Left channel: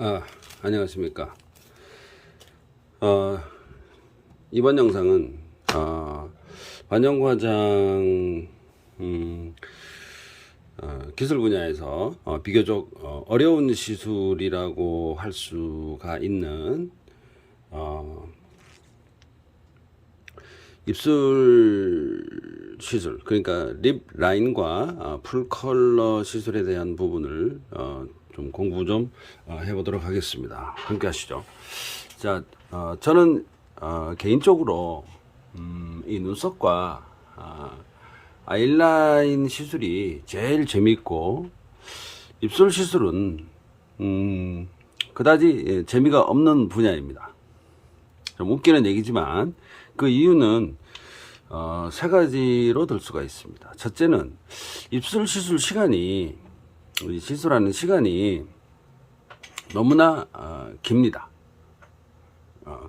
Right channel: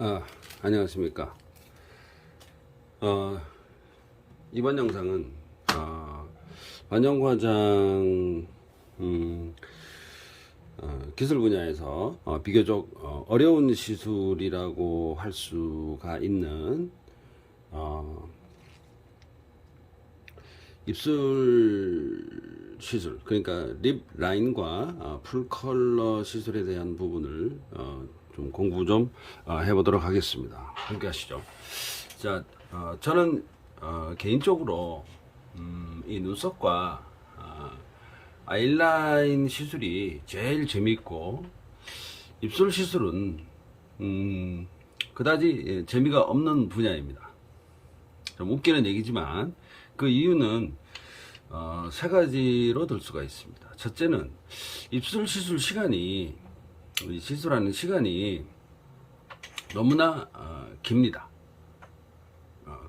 아, 안녕하십니까. 이번 영상은 반영과장 기술 분야에서 비교적 어려운 시술이라고 할 수가 있는 입술 시술, 그러니까 립 라인과 풀 컬러 시술에 대한 부분을 좀 공부 좀 해보도록 하겠습니다. 함께 하시죠. 자, 저는 개인적으로 이 눈썹과 아이라인 시술이 제일 재미있고, 입술 시술은 그다지 재미가 없는 분야입니다. 좀 웃기는 얘기지만 그 이유는 세 가지로 들 수가 있습니다. 첫째는 입술 시술 시간이, 시술하는 시간이 너무나 깁니다.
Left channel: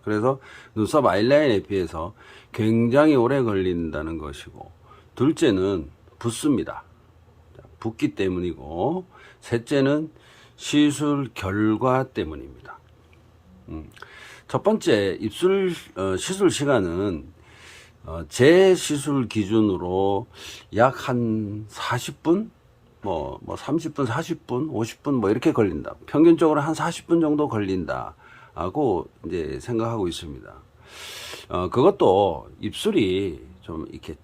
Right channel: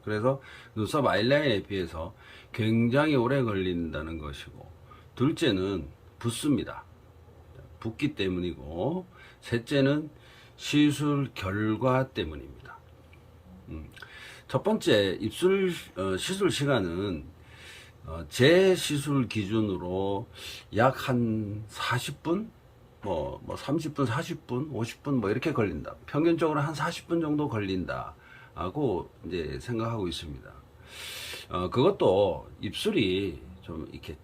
그래서 눈썹 아이라인에 비해서 굉장히 오래 걸린다는 것이고, 둘째는 붓습니다. 붓기 때문이고, 셋째는 시술 결과 때문입니다. 첫 번째, 입술 시술 시간은 제 시술 기준으로 약 한 40분, 뭐 30분, 40분, 50분 뭐 이렇게 걸린다. 평균적으로 한 40분 정도 걸린다 하고 이제 생각하고 있습니다. 그것도 입술이 좀 이렇게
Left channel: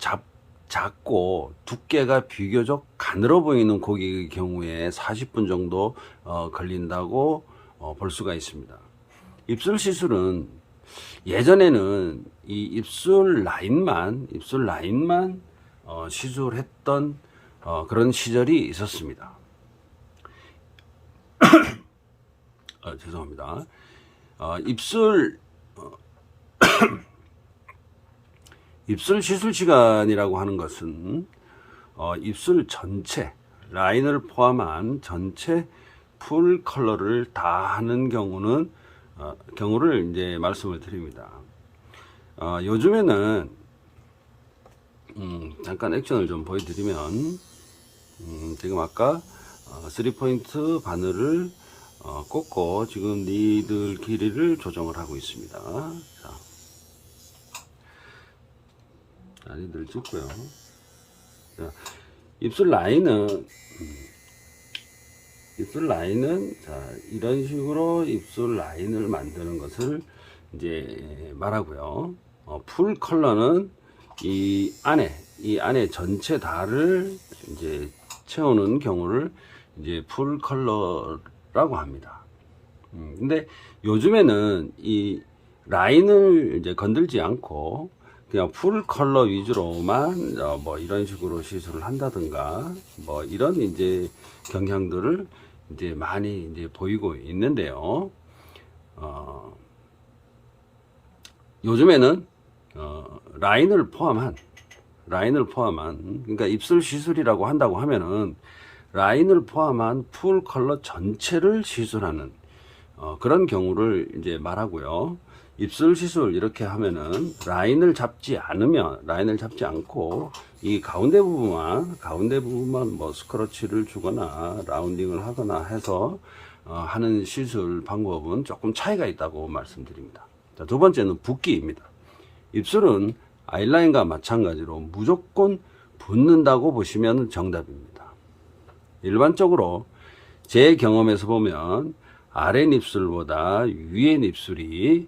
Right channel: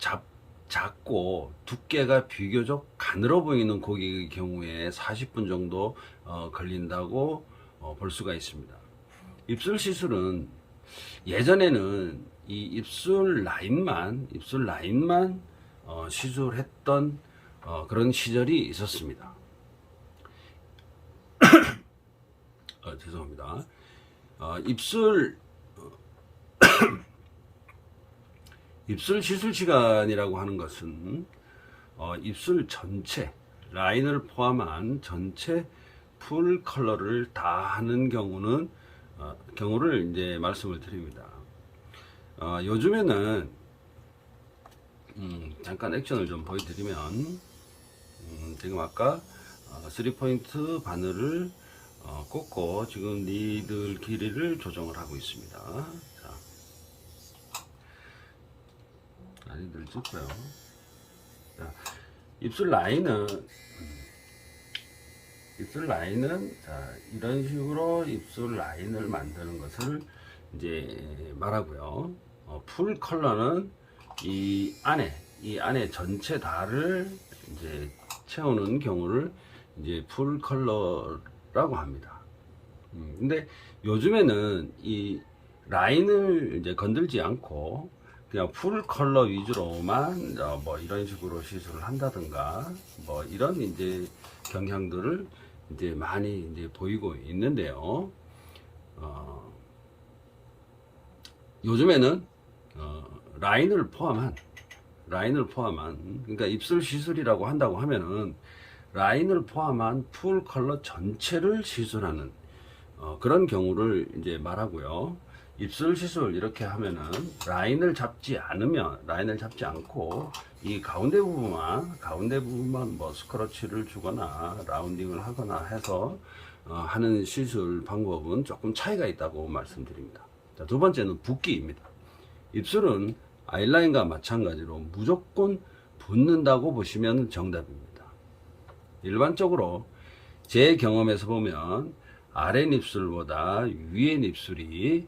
작고 두께가 비교적 가늘어 보이는 고객의 경우에 40분 정도 걸린다고 볼 수가 있습니다. 입술 시술은 예전에는 이 입술 라인만 시술했던 그런 시절이 있었습니다. 죄송합니다. 입술 시술 시간이라고 하는 것은 입술 전체 라인을 포함한 전체 풀 컬러를 다 하는 경우를 이제 말씀을 드립니다. 요즘에는 잠깐 액션을 좀 보여드리면, 지금 아까 3포인트 바늘을 꽂고 지금 니들 길이를 조정을 하고 있습니다. 자, 니들 찍고요. 자, 입술 라인은 자, 이런 식으로 입술 라인을 만드는 것을 이제 말하고요. 풀 컬러는 이 안에 전체 다를 이제 채우는 경우를 이제 풀 컬러라고 합니다. 근데 요즘에는 이 라인을 이제 건들지 않고 그냥 풀 컬러 위주로만 뭐 이런 식으로 시술을 한다든가 뭐 이런 이제 경향들을 이제 많이 이제 보이고 있는데요. 요즘에는 라인을 포함한, 그러니까 입술 시술이라고 한다고 하면은 라인을 포함한 풀 컬러 전체를 시술하는 그런 경우를 이제 말하고요. 입술 시술 이렇게 하면은 라인을 잡지 않고 이 가운데 부분만 뭐 스크러치를 주거나 라운딩을 하거나 해서 하는 시술 방법은 조금 차이가 있다고 말씀드립니다. 자, 두 번째는 붓기입니다. 입술은 아이라인과 마찬가지로 무조건 붓는다고 보시면 정답입니다. 일반적으로 제 경험에서 보면 아랫입술보다 위에입술이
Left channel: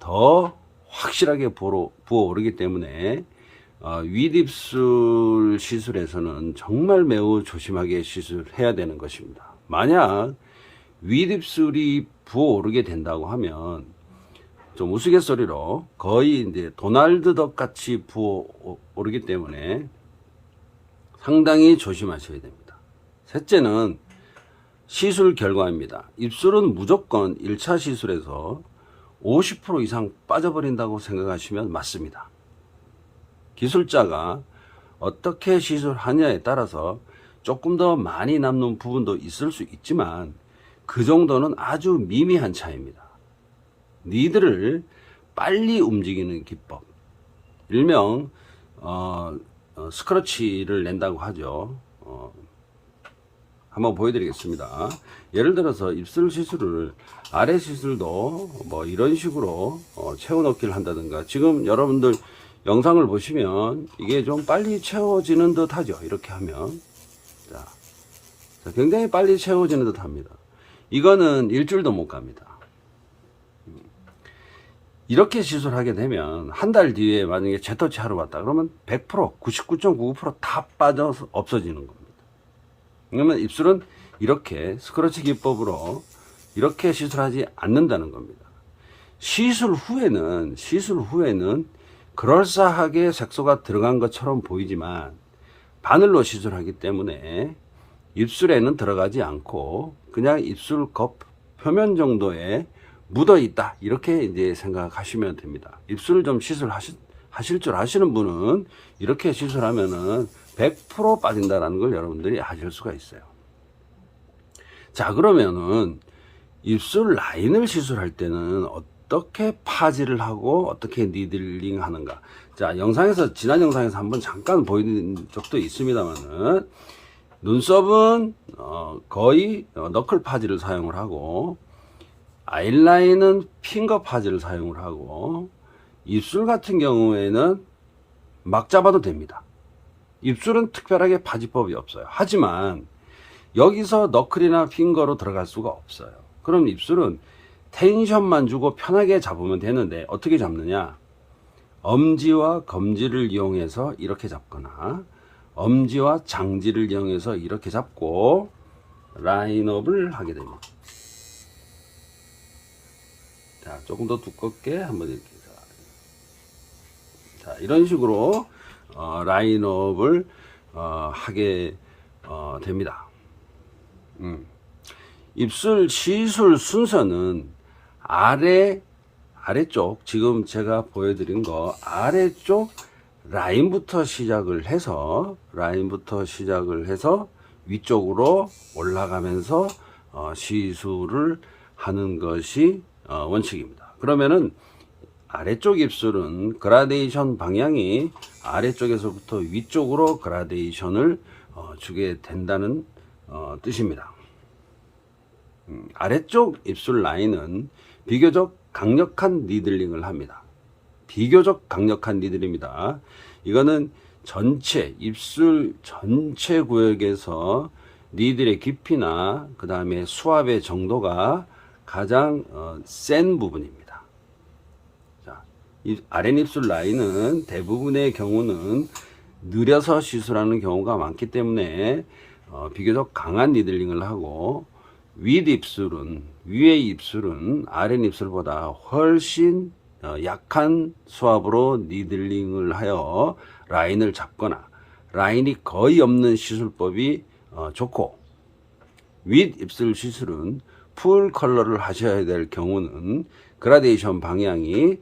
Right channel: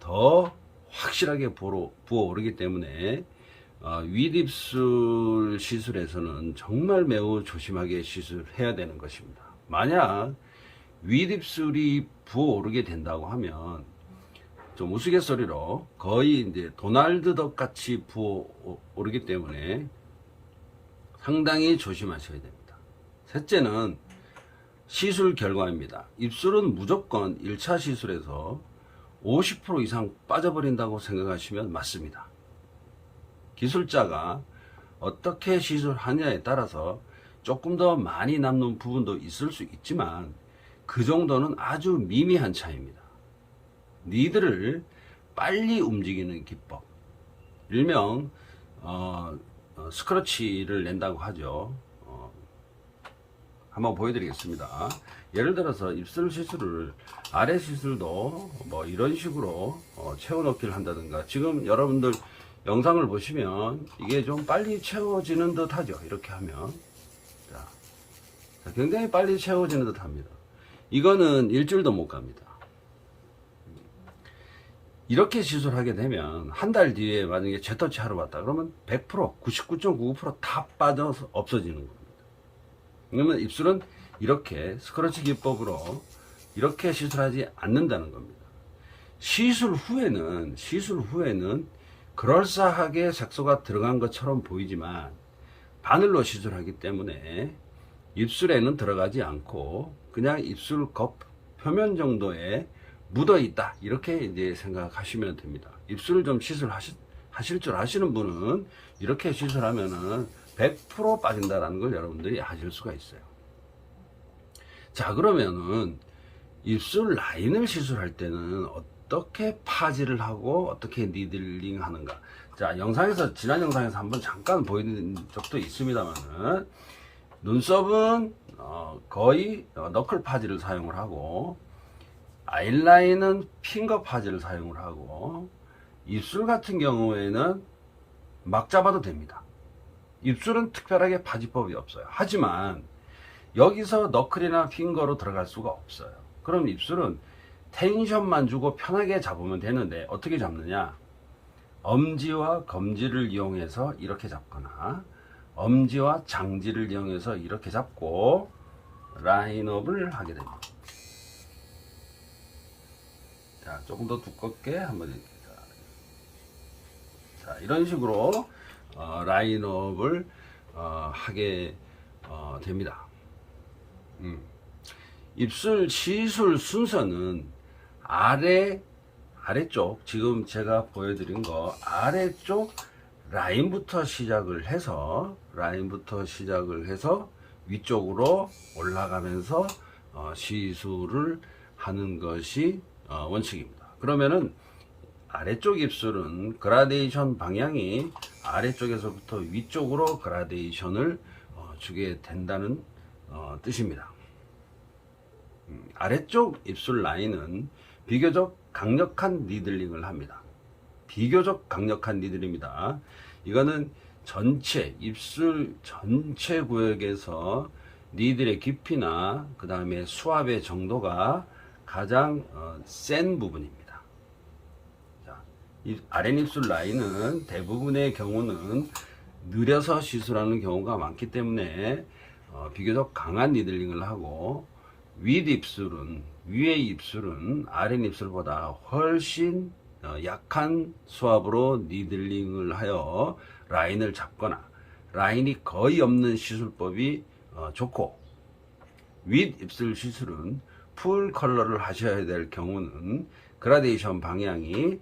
더 확실하게 부어오르기 때문에 윗입술 시술에서는 정말 매우 조심하게 시술해야 되는 것입니다. 만약 윗입술이 부어오르게 된다고 하면 좀 우스갯소리로 거의 이제 도날드 덕 같이 부어오르기 때문에 상당히 조심하셔야 됩니다. 셋째는 시술 결과입니다. 입술은 무조건 1차 시술에서 50% 이상 빠져버린다고 생각하시면 맞습니다. 기술자가 어떻게 시술하냐에 따라서 조금 더 많이 남는 부분도 있을 수 있지만 그 정도는 아주 미미한 차이입니다. 니들을 빨리 움직이는 기법, 일명 스크러치를 낸다고 하죠. 한번 보여드리겠습니다. 예를 들어서 입술 시술을 아래 시술도 뭐 이런 식으로 채워넣기를 한다든가, 지금 여러분들 영상을 보시면 이게 좀 빨리 채워지는 듯 하죠. 이렇게 하면 자, 굉장히 빨리 채워지는 듯 합니다. 이거는 일주일도 못 갑니다. 이렇게 시술하게 되면 한 달 뒤에 만약에 재터치 하러 왔다 그러면 100%, 99.99%다 빠져서 없어지는 겁니다. 그러면 입술은 이렇게 스크러치 기법으로 이렇게 시술하지 않는다는 겁니다. 시술 후에는 그럴싸하게 색소가 들어간 것처럼 보이지만 바늘로 시술하기 때문에 입술에는 들어가지 않고 그냥 입술 겉 표면 정도에 묻어 있다, 이렇게 이제 생각하시면 됩니다. 입술을 좀 시술하실 줄 아시는 분은 이렇게 시술하면은 100% 빠진다라는 걸 여러분들이 아실 수가 있어요. 자, 그러면은 입술 라인을 시술할 때는 어떻게 파지를 하고 어떻게 니들링 하는가. 자, 지난 영상에서 한번 잠깐 보여드린 적도 있습니다만은, 눈썹은 거의 너클 파지를 사용을 하고, 아이라인은 핑거 파지를 사용을 하고, 입술 같은 경우에는 막 잡아도 됩니다. 입술은 특별하게 파지법이 없어요. 하지만 여기서 너클이나 핑거로 들어갈 수가 없어요. 그럼 입술은 텐션만 주고 편하게 잡으면 되는데, 어떻게 잡느냐? 엄지와 검지를 이용해서 이렇게 잡거나 엄지와 장지를 이용해서 이렇게 잡고 라인업을 하게 됩니다. 자, 조금 더 두껍게 한번 이렇게. 자, 이런 식으로 라인업을 하게 됩니다. 입술 시술 순서는 아래쪽, 지금 제가 보여드린 거 아래쪽 라인부터 시작을 해서 위쪽으로 올라가면서 시술을 하는 것이 원칙입니다. 그러면은 아래쪽 입술은 그라데이션 방향이 아래쪽에서부터 위쪽으로 그라데이션을 주게 된다는 뜻입니다. 아래쪽 입술 라인은 비교적 강력한 니들링을 합니다. 비교적 강력한 니들입니다. 이거는 입술 전체 구역에서 니들의 깊이나 그 다음에 수압의 정도가 가장 센 부분입니다. 자, 이 아랫입술 라인은 대부분의 경우는 느려서 시술하는 경우가 많기 때문에 비교적 강한 니들링을 하고, 위의 입술은 아랫입술보다 훨씬 약한 수압으로 니들링을 하여 라인을 잡거나 라인이 거의 없는 시술법이 좋고, 윗입술 시술은 풀 컬러를 하셔야 될 경우는 그라데이션 방향이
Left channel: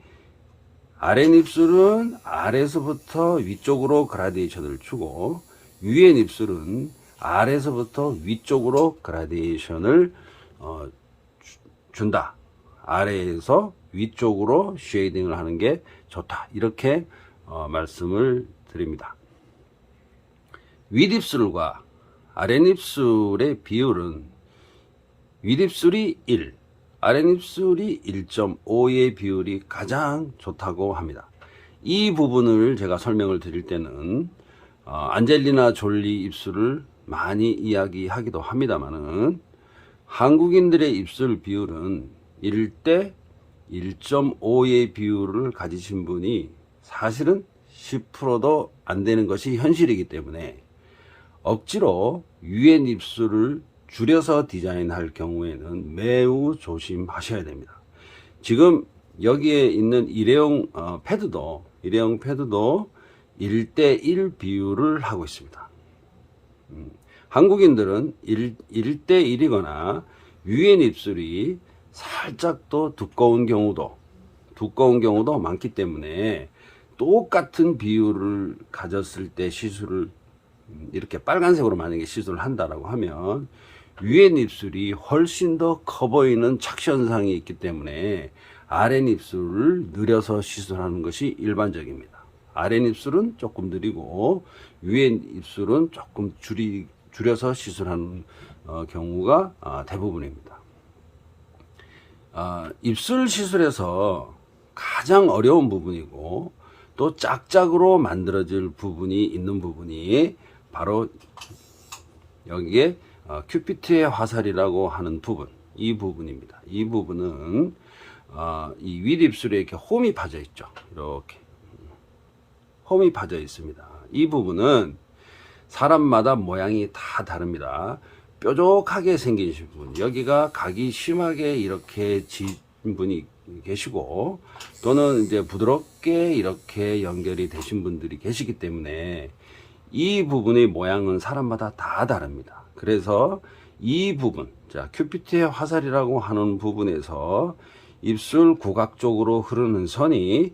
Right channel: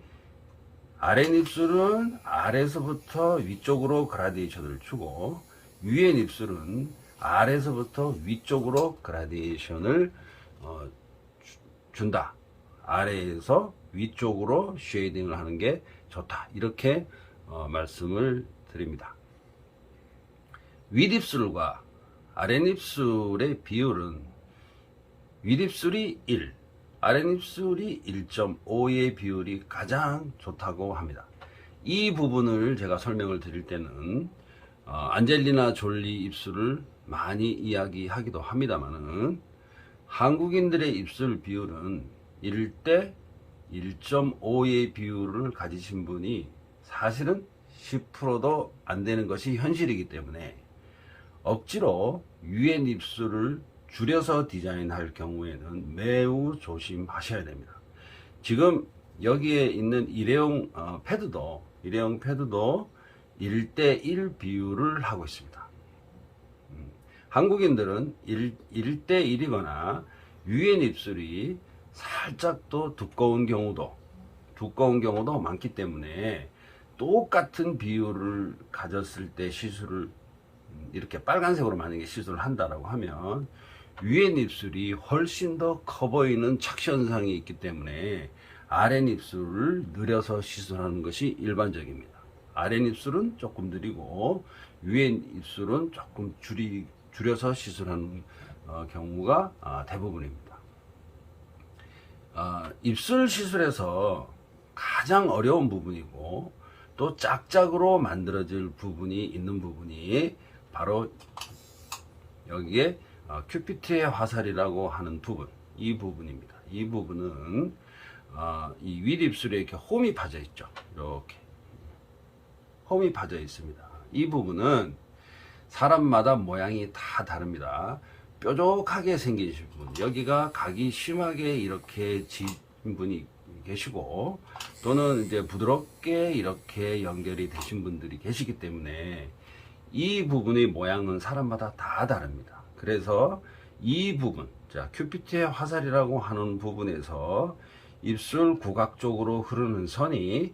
아랫입술은 아래서부터 위쪽으로 그라데이션을 주고, 위의 입술은 아래서부터 위쪽으로 그라데이션을 준다. 아래에서 위쪽으로 쉐이딩을 하는 게 좋다. 이렇게 말씀을 드립니다. 윗입술과 아랫입술의 비율은 윗입술이 1, 아랫입술이 1.5의 비율이 가장 좋다고 합니다. 이 부분을 제가 설명을 드릴 때는 안젤리나 졸리 입술을 많이 이야기하기도 합니다만은, 한국인들의 입술 비율은 1대 1.5의 비율을 가지신 분이 사실은 10%도 안 되는 것이 현실이기 때문에, 억지로 위의 입술을 줄여서 디자인할 경우에는 매우 조심하셔야 됩니다. 지금 여기에 있는 일회용 패드도 1대1 비율을 하고 있습니다. 한국인들은 1대1이거나 위의 입술이 살짝 더 두꺼운 경우도 많기 때문에, 똑같은 비율을 가졌을 때 시술을 이렇게 빨간색으로 만약에 시술을 한다라고 하면 위의 입술이 훨씬 더 커 보이는 착시현상이 있기 때문에 아랫입술을 느려서 시술하는 것이 일반적입니다. 아랫입술은 조금 느리고 위의 입술은 조금 줄여서 시술하는 경우가 대부분입니다. 입술 시술에서 가장 어려운 부분이고 또 짝짝으로 만들어질 부분이 있는 부분이 바로 여기에 큐피트의 화살이라고 하는 부분, 이 부분입니다. 이 부분은 이 윗입술에 이렇게 홈이 파져 있죠. 이렇게 홈이 파져 있습니다. 이 부분은 사람마다 모양이 다 다릅니다. 뾰족하게 생기신 분, 여기가 각이 심하게 이렇게 진 분이 계시고, 또는 이제 부드럽게 이렇게 연결이 되신 분들이 계시기 때문에 이 부분의 모양은 사람마다 다 다릅니다. 그래서 이 부분, 자, 큐피트의 화살이라고 하는 부분에서 입술 구각 쪽으로 흐르는 선이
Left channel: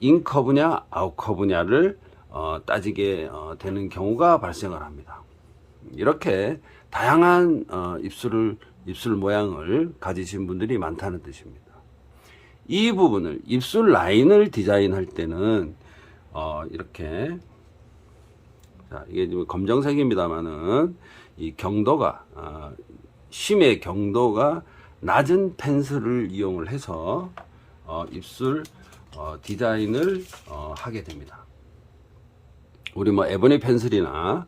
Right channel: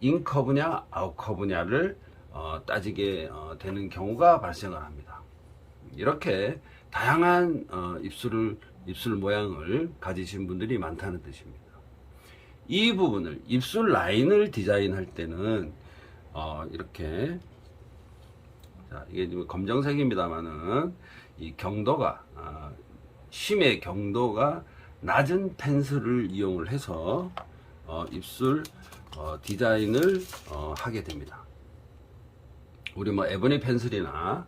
인커브냐 아웃커브냐를 따지게 되는 경우가 발생을 합니다. 이렇게 다양한 입술 모양을 가지신 분들이 많다는 뜻입니다. 이 부분을 입술 라인을 디자인할 때는 이렇게, 자, 이게 지금 검정색입니다만은 이 경도가 심의 경도가 낮은 펜슬을 이용을 해서 입술 디자인을 하게 됩니다. 우리 뭐 에버니 펜슬이나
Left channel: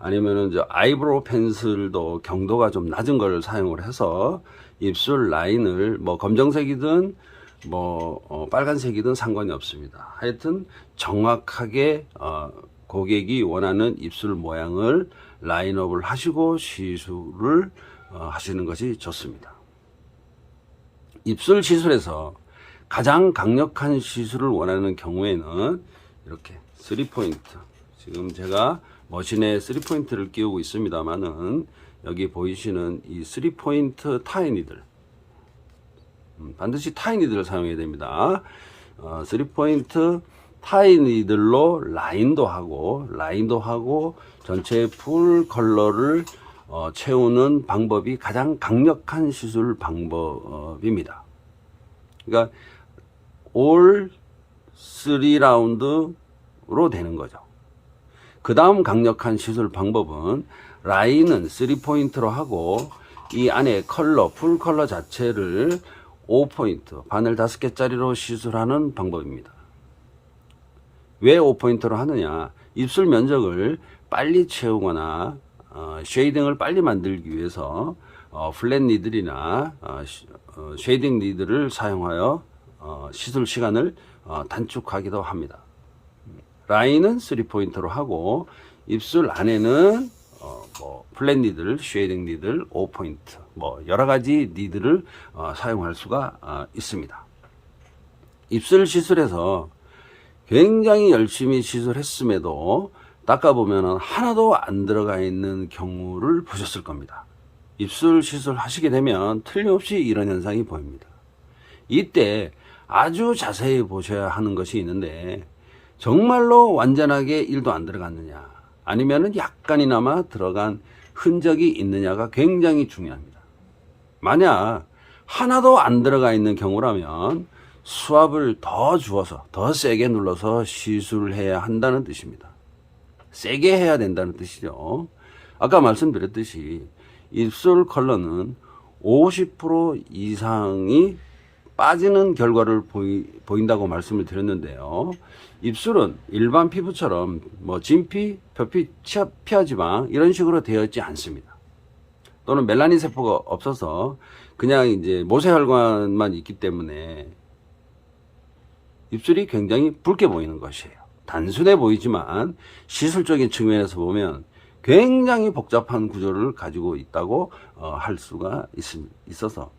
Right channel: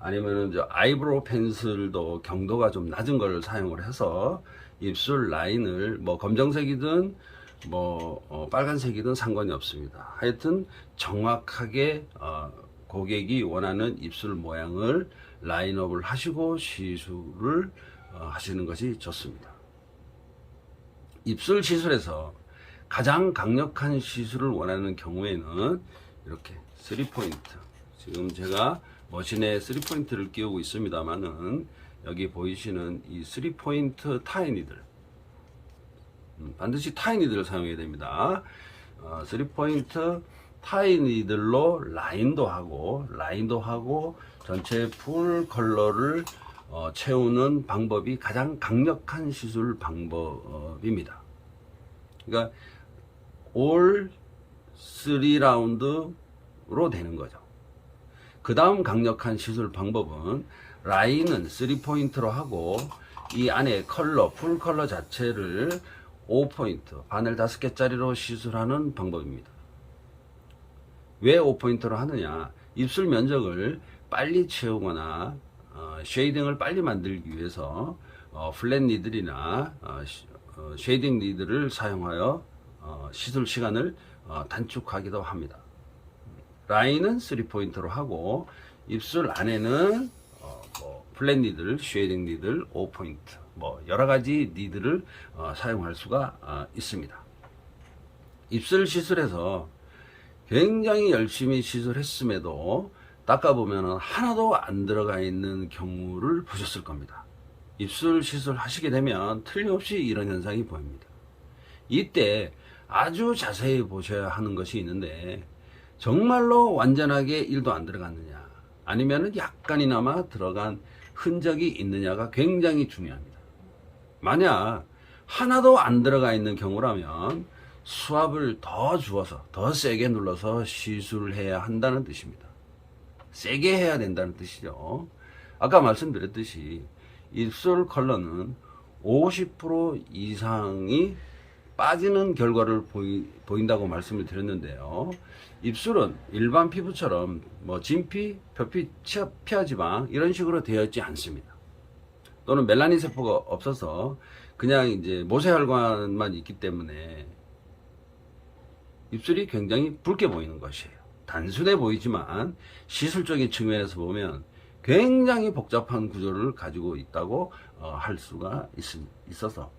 아니면은 저 아이브로우 펜슬도 경도가 좀 낮은 걸 사용을 해서 입술 라인을 뭐 검정색이든 뭐 빨간색이든 상관이 없습니다. 하여튼 정확하게 고객이 원하는 입술 모양을 라인업을 하시고 시술을 하시는 것이 좋습니다. 입술 시술에서 가장 강력한 시술을 원하는 경우에는 이렇게 3포인트, 지금 제가 머신에 3포인트를 끼우고 있습니다만은 여기 보이시는 이 3포인트 타이니들, 반드시 타이니들을 사용해야 됩니다. 3포인트 타이니들로 라인도 하고 전체 풀 컬러를 채우는 방법이 가장 강력한 시술 방법입니다. 그러니까 올 3라운드로 되는 거죠. 그 다음 강력한 시술 방법은 라인은 3포인트로 하고 이 안에 컬러, 풀 컬러 자체를 5포인트, 바늘 5개짜리로 시술하는 방법입니다. 왜 5포인트로 하느냐? 입술 면적을 빨리 채우거나 쉐이딩을 빨리 만들기 위해서 플랫 니들이나 쉐이딩 니들을 사용하여 시술 시간을 단축하기도 합니다. 라인은 3포인트로 하고 입술 안에는 뭐 플랫 니들, 쉐이딩 니들, 5포인트 뭐 여러가지 니들을 사용할 수가 있습니다. 입술 시술에서 굉장히 열심히 시술했음에도 닦아보면 하나도 안 들어가 있는 경우를 보셨을 겁니다. 입술 시술 하시게 되면 틀림없이 이런 현상이 보입니다. 이때 아주 자세히 보셔야 하는 것이 있는데, 정말로 완전하게 1도 안 들어갔느냐, 아니면은 약간이나마 들어간 흔적이 있느냐가 굉장히 중요합니다. 만약 하나도 안 들어가 있는 경우라면 수압을 더 주어서 더 세게 눌러서 시술을 해야 한다는 뜻입니다. 세게 해야 된다는 뜻이죠. 아까 말씀드렸듯이 입술 컬러는 50% 이상이 빠지는 결과를 보인다고 말씀을 드렸는데요. 입술은 일반 피부처럼 뭐 진피, 표피, 피하지방 이런 식으로 되어 있지 않습니다. 또는 멜라닌 세포가 없어서 그냥 이제 모세혈관만 있기 때문에 입술이 굉장히 붉게 보이는 것이에요. 단순해 보이지만 시술적인 측면에서 보면 굉장히 복잡한 구조를 가지고 있다고 할 수가 있어서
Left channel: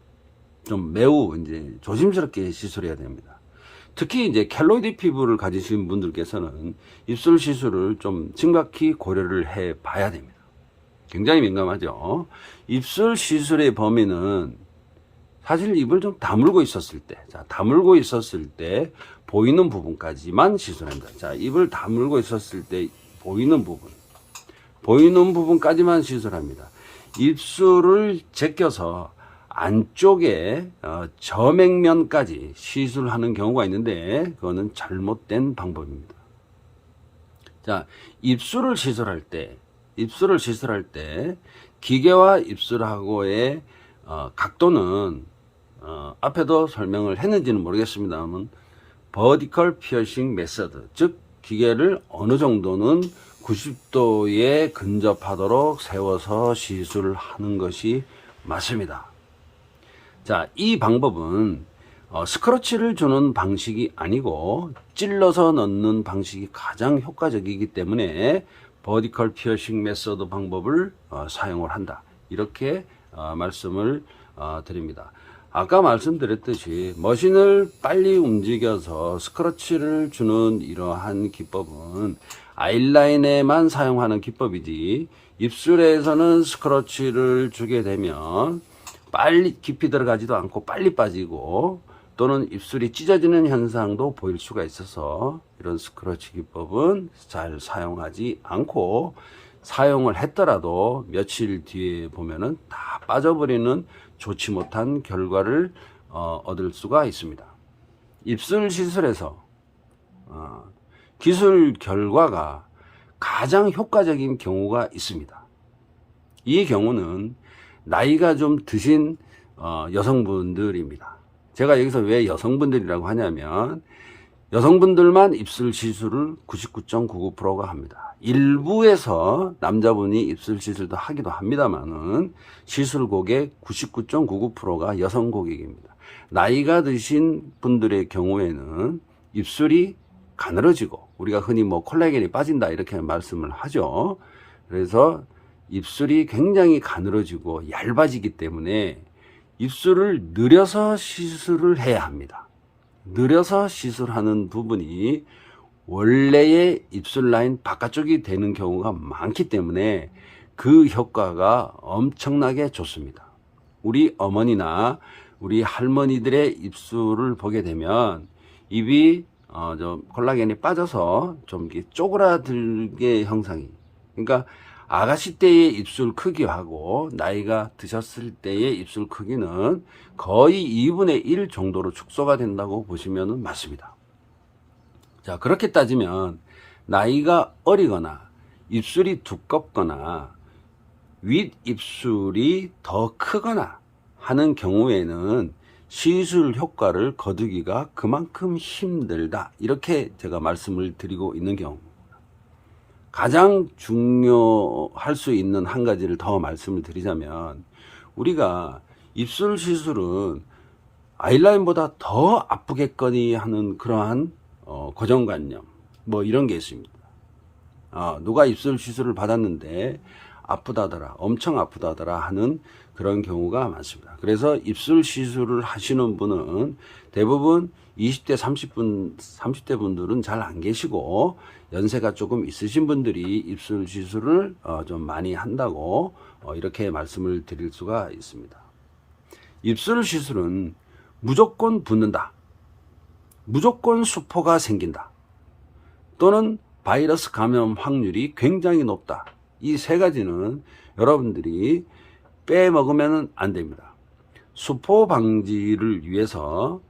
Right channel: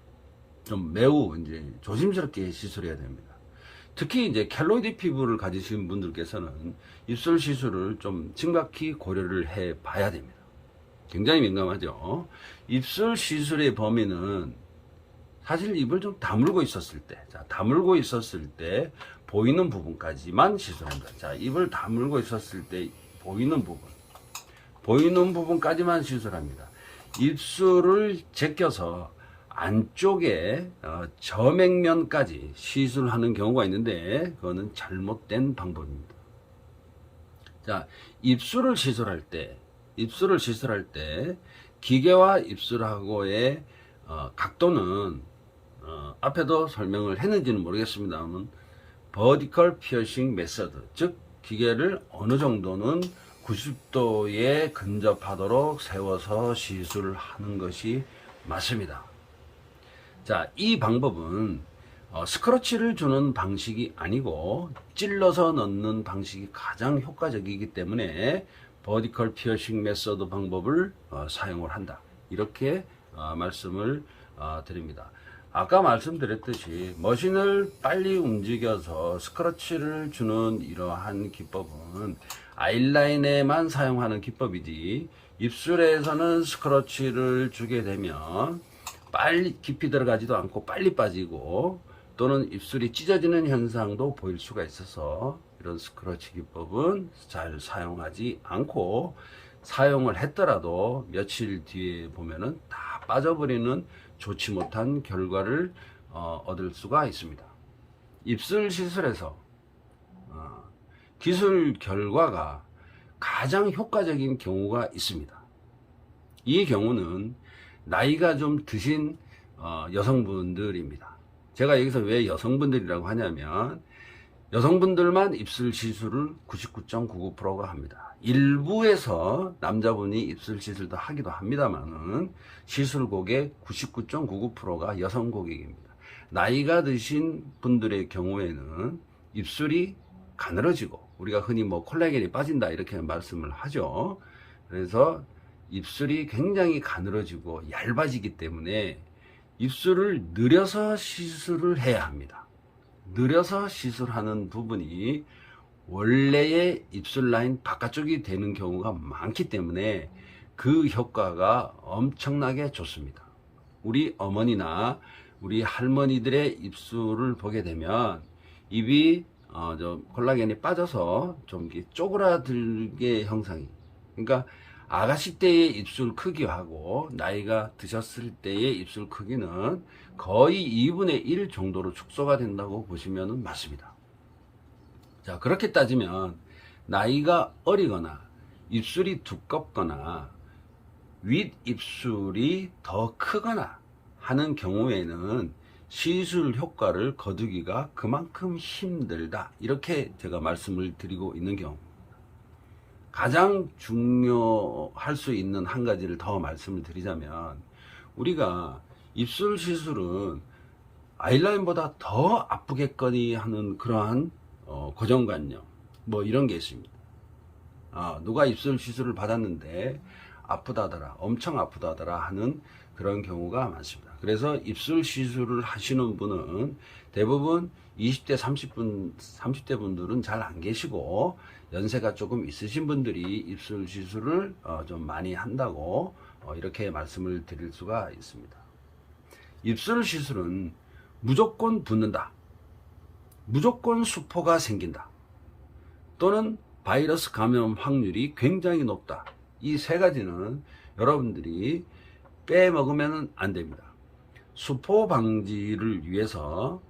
좀 매우 이제 조심스럽게 시술해야 됩니다. 특히 이제 켈로이드 피부를 가지신 분들께서는 입술 시술을 좀 심각히 고려를 해 봐야 됩니다. 굉장히 민감하죠. 입술 시술의 범위는 사실 입을 좀 다물고 있었을 때, 자, 다물고 있었을 때 보이는 부분까지만 시술합니다. 자, 입을 다물고 있었을 때 보이는 부분까지만 시술합니다. 입술을 제껴서 안쪽에 저맥면까지 시술하는 경우가 있는데 그거는 잘못된 방법입니다. 자, 입술을 시술할 때 기계와 입술하고의 각도는 앞에도 설명을 했는지는 모르겠습니다만 버티컬 피어싱 메서드, 즉 기계를 어느 정도는 90도에 근접하도록 세워서 시술을 하는 것이 맞습니다. 자, 이 방법은 스크러치를 주는 방식이 아니고 찔러서 넣는 방식이 가장 효과적이기 때문에 버티컬 피어싱 메서드 방법을 사용을 한다, 이렇게 말씀을 드립니다. 아까 말씀드렸듯이 머신을 빨리 움직여서 스크러치를 주는 이러한 기법은 아이라인에만 사용하는 기법이지, 입술에서는 스크러치를 주게 되면 빨리 깊이 들어가지도 않고 빨리 빠지고 또는 입술이 찢어지는 현상도 보일 수가 있어서 이런 스크러치 기법은 잘 사용하지 않고, 사용을 했더라도 며칠 뒤에 보면은 다 빠져버리는 좋지 못한 결과를 얻을 수가 있습니다. 입술 시술에서 기술 결과가 가장 효과적인 경우가 있습니다. 이 경우는 나이가 좀 드신 여성분들입니다. 제가 여기서 왜 여성분들이라고 하냐면 여성분들만 입술 시술을 99.99%가 합니다. 일부에서 남자분이 입술 시술도 하기도 합니다만은 시술 고객 99.99%가 여성 고객입니다. 나이가 드신 분들의 경우에는 입술이 가늘어지고, 우리가 흔히 뭐 콜라겐이 빠진다 이렇게 말씀을 하죠. 그래서 입술이 굉장히 가늘어지고 얇아지기 때문에 입술을 늘려서 시술을 해야 합니다. 늘려서 시술하는 부분이 원래의 입술 라인 바깥쪽이 되는 경우가 많기 때문에 그 효과가 엄청나게 좋습니다. 우리 어머니나 우리 할머니들의 입술을 보게 되면 입이 좀 콜라겐이 빠져서 좀 쪼그라들게 형상이, 그러니까 아가씨 때의 입술 크기하고 나이가 드셨을 때의 입술 크기는 거의 2분의 1 정도로 축소가 된다고 보시면 맞습니다. 자, 그렇게 따지면 나이가 어리거나 입술이 두껍거나 윗입술이 더 크거나 하는 경우에는 시술 효과를 거두기가 그만큼 힘들다, 이렇게 제가 말씀을 드리고 있는 경우입니다. 가장 중요할 수 있는 한 가지를 더 말씀을 드리자면, 우리가 입술 시술은 아이라인보다 더 아프겠거니 하는 그러한 고정관념, 뭐 이런 게 있습니다. 누가 입술 시술을 받았는데 아프다더라, 엄청 아프다더라 하는 그런 경우가 많습니다. 그래서 입술 시술을 하시는 분은 대부분 20대 30대 분들은 잘 안 계시고 연세가 조금 있으신 분들이 입술 시술을 좀 많이 한다고 이렇게 말씀을 드릴 수가 있습니다. 입술 시술은 무조건 붓는다, 무조건 수포가 생긴다, 또는 바이러스 감염 확률이 굉장히 높다, 이 세 가지는 여러분들이 빼먹으면 안 됩니다. 수포 방지를 위해서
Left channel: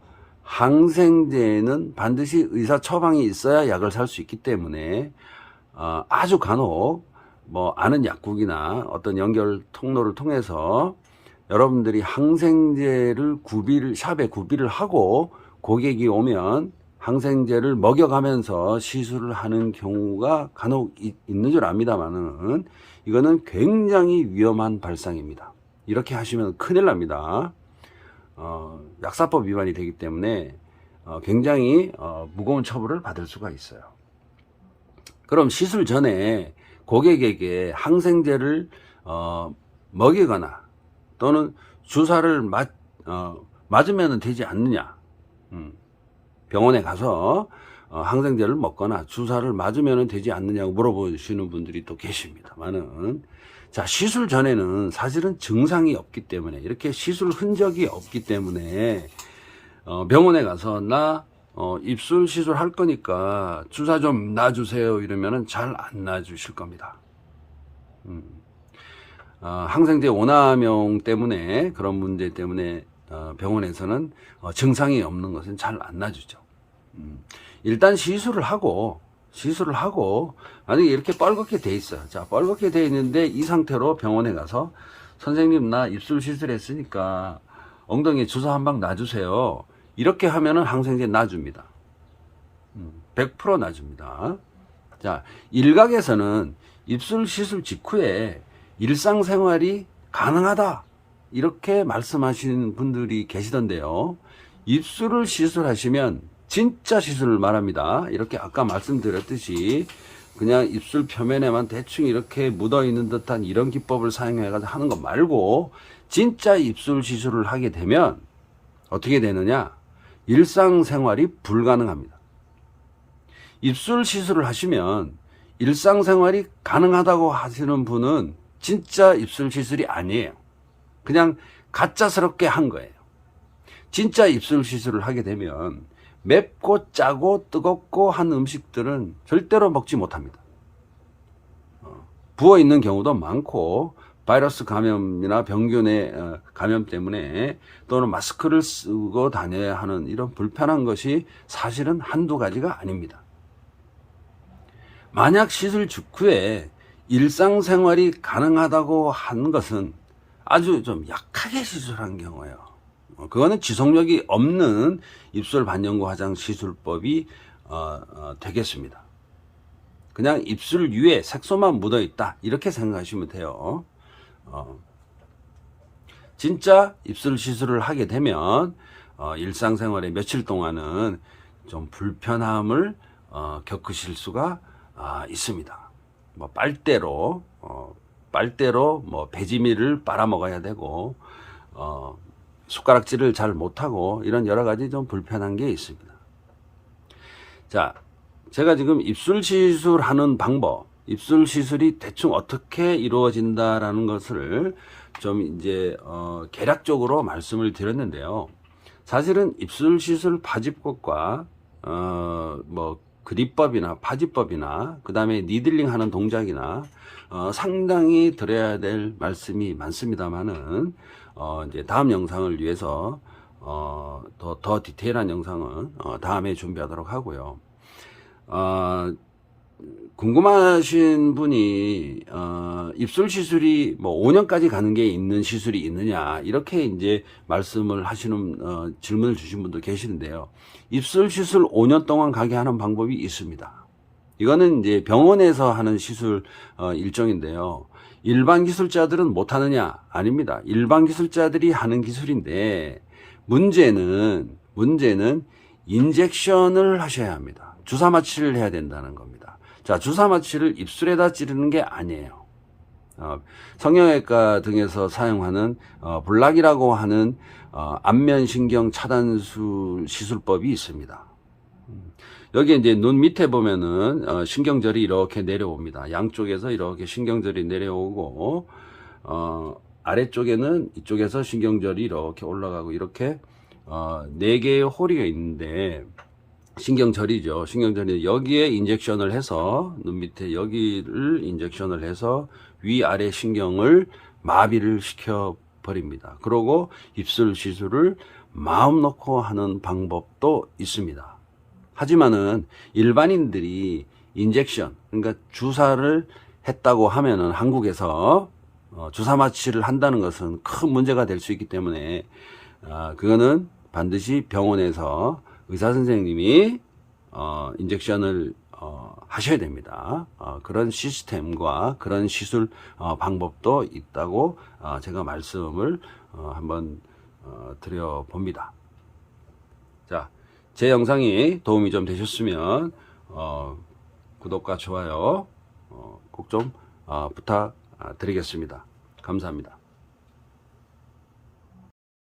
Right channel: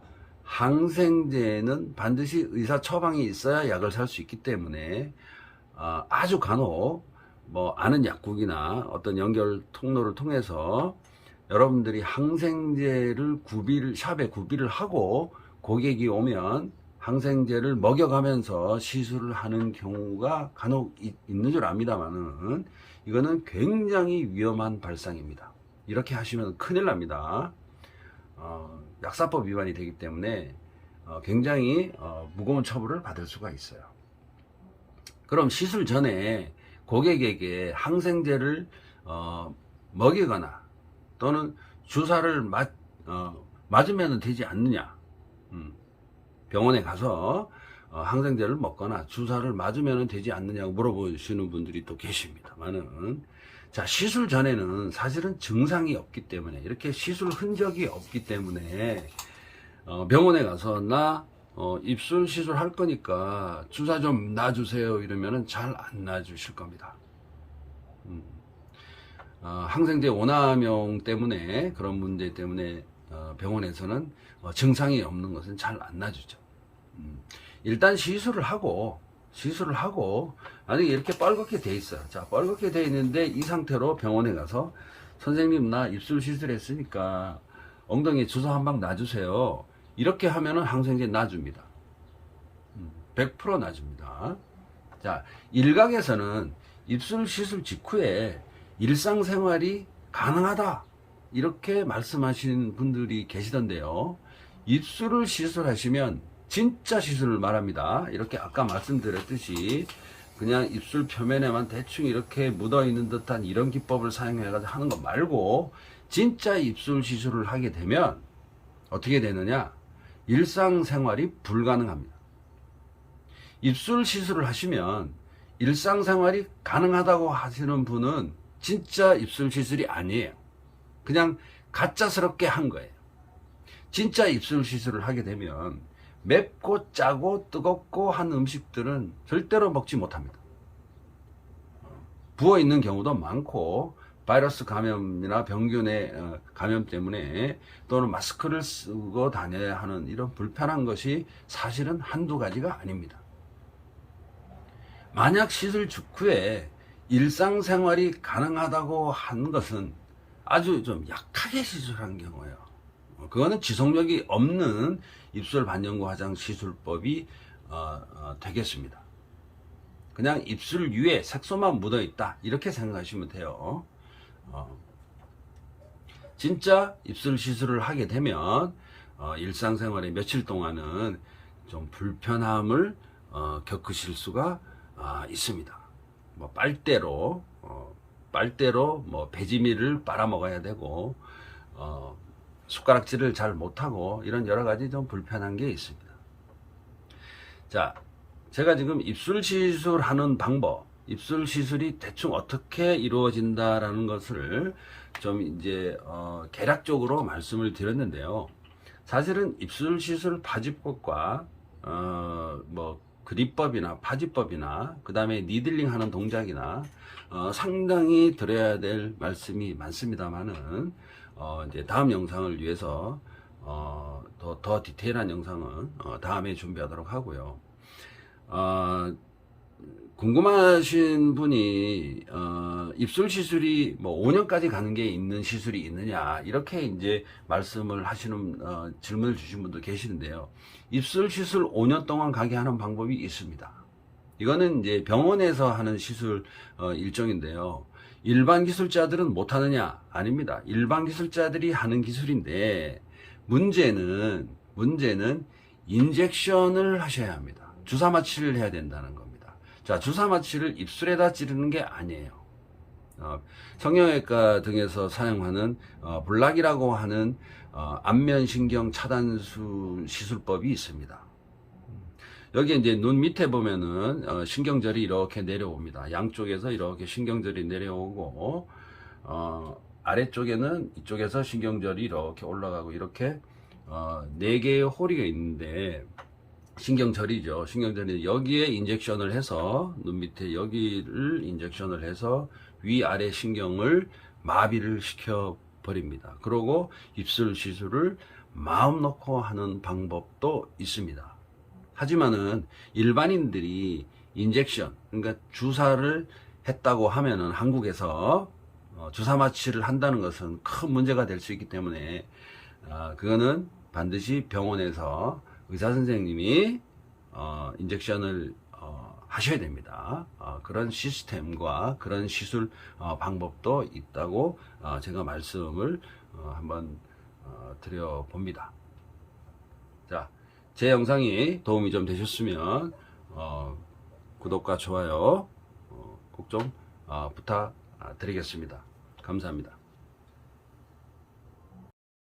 항생제는 반드시 의사 처방이 있어야 약을 살 수 있기 때문에 아주 간혹 뭐 아는 약국이나 어떤 연결 통로를 통해서 여러분들이 항생제를 샵에 구비를 하고 고객이 오면 항생제를 먹여가면서 시술을 하는 경우가 간혹 있는 줄 압니다만은 이거는 굉장히 위험한 발상입니다. 이렇게 하시면 큰일 납니다. 약사법 위반이 되기 때문에 굉장히 무거운 처벌을 받을 수가 있어요. 그럼 시술 전에 고객에게 항생제를 먹이거나 또는 주사를 맞으면 되지 않느냐, 병원에 가서 항생제를 먹거나 주사를 맞으면 되지 않느냐고 물어보시는 분들이 또 계십니다만은, 자, 시술 전에는 사실은 증상이 없기 때문에, 이렇게 시술 흔적이 없기 때문에 병원에 가서 나 입술 시술 할 거니까 주사 좀 놔주세요 이러면은 잘 안 놔주실 겁니다. 항생제 오남용 때문에, 그런 문제 때문에 병원에서는 증상이 없는 것은 잘 안 놔주죠. 일단 시술을 하고 시술을 하고, 만약에 이렇게 뻘겋게 돼 있어요. 자, 뻘겋게 돼 있는데 이 상태로 병원에 가서 선생님 나 입술 시술했으니까 엉덩이에 주사 한 방 놔주세요. 이렇게 하면은 항생제 놔줍니다. 100% 놔줍니다. 자, 일각에서는 입술 시술 직후에 일상생활이 가능하다, 이렇게 말씀하시는 분들이 계시던데요. 입술을 시술하시면 진짜 시술을 말합니다. 이렇게 아까 말씀드렸듯이 그냥 입술 표면에만 대충 이렇게 묻어있는 듯한 이런 기법을 사용해가지고 하는 거 말고, 진짜 입술 시술을 하게 되면 어떻게 되느냐? 일상생활이 불가능합니다. 입술 시술을 하시면 일상생활이 가능하다고 하시는 분은 진짜 입술 시술이 아니에요. 그냥 가짜스럽게 한 거예요. 진짜 입술 시술을 하게 되면 맵고 짜고 뜨겁고 한 음식들은 절대로 먹지 못합니다. 부어있는 경우도 많고, 바이러스 감염이나 병균의 감염 때문에 또는 마스크를 쓰고 다녀야 하는 이런 불편한 것이 사실은 한두 가지가 아닙니다. 만약 시술 직후에 일상생활이 가능하다고 한 것은 아주 좀 약하게 시술한 경우예요. 그거는 지속력이 없는 입술 반영구 화장 시술법이 되겠습니다. 그냥 입술 위에 색소만 묻어 있다, 이렇게 생각하시면 돼요. 진짜 입술 시술을 하게 되면 일상생활에 며칠 동안은 좀 불편함을 겪으실 수가 있습니다. 뭐 빨대로 뭐 배지밀을 빨아먹어야 되고, 숟가락질을 잘 못하고, 이런 여러 가지 좀 불편한 게 있습니다. 자, 제가 지금 입술 시술하는 방법, 입술 시술이 대충 어떻게 이루어진다라는 것을 좀 이제 개략적으로 말씀을 드렸는데요. 사실은 입술 시술 파지법과 뭐 그립법이나 파지법이나 그 다음에 니들링 하는 동작이나 상당히 드려야 될 말씀이 많습니다만은 이제 다음 영상을 위해서 더 디테일한 영상은 다음에 준비하도록 하고요. 궁금하신 분이 입술 시술이 뭐 5년까지 가는 게 있는 시술이 있느냐, 이렇게 이제 말씀을 하시는 질문을 주신 분도 계시는데요. 입술 시술 5년 동안 가게 하는 방법이 있습니다. 이거는 이제 병원에서 하는 시술 일정인데요. 일반 기술자들은 못 하느냐? 아닙니다. 일반 기술자들이 하는 기술인데, 문제는 인젝션을 하셔야 합니다. 주사 마취를 해야 된다는 겁니다. 자, 주사 마취를 입술에다 찌르는 게 아니에요. 성형외과 등에서 사용하는 블락이라고 하는 안면신경 차단술 시술법이 있습니다. 여기 이제 눈 밑에 보면은 신경절이 이렇게 내려옵니다. 양쪽에서 이렇게 신경절이 내려오고, 아래쪽에는 이쪽에서 신경절이 이렇게 올라가고, 이렇게 4개의 호리가 있는데, 신경절이죠. 신경절이 여기에 인젝션을 해서, 눈 밑에 여기를 인젝션을 해서 위아래 신경을 마비를 시켜 버립니다. 그리고 입술 시술을 마음 놓고 하는 방법도 있습니다. 하지만은 일반인들이 인젝션, 그러니까 주사를 했다고 하면은 한국에서 주사 마취를 한다는 것은 큰 문제가 될 수 있기 때문에 그거는 반드시 병원에서 의사 선생님이 인젝션을 하셔야 됩니다. 그런 시스템과 그런 시술 방법도 있다고 제가 말씀을 한번 드려봅니다. 자, 제 영상이 도움이 좀 되셨으면 구독과 좋아요 꼭 좀 부탁드리겠습니다. 감사합니다.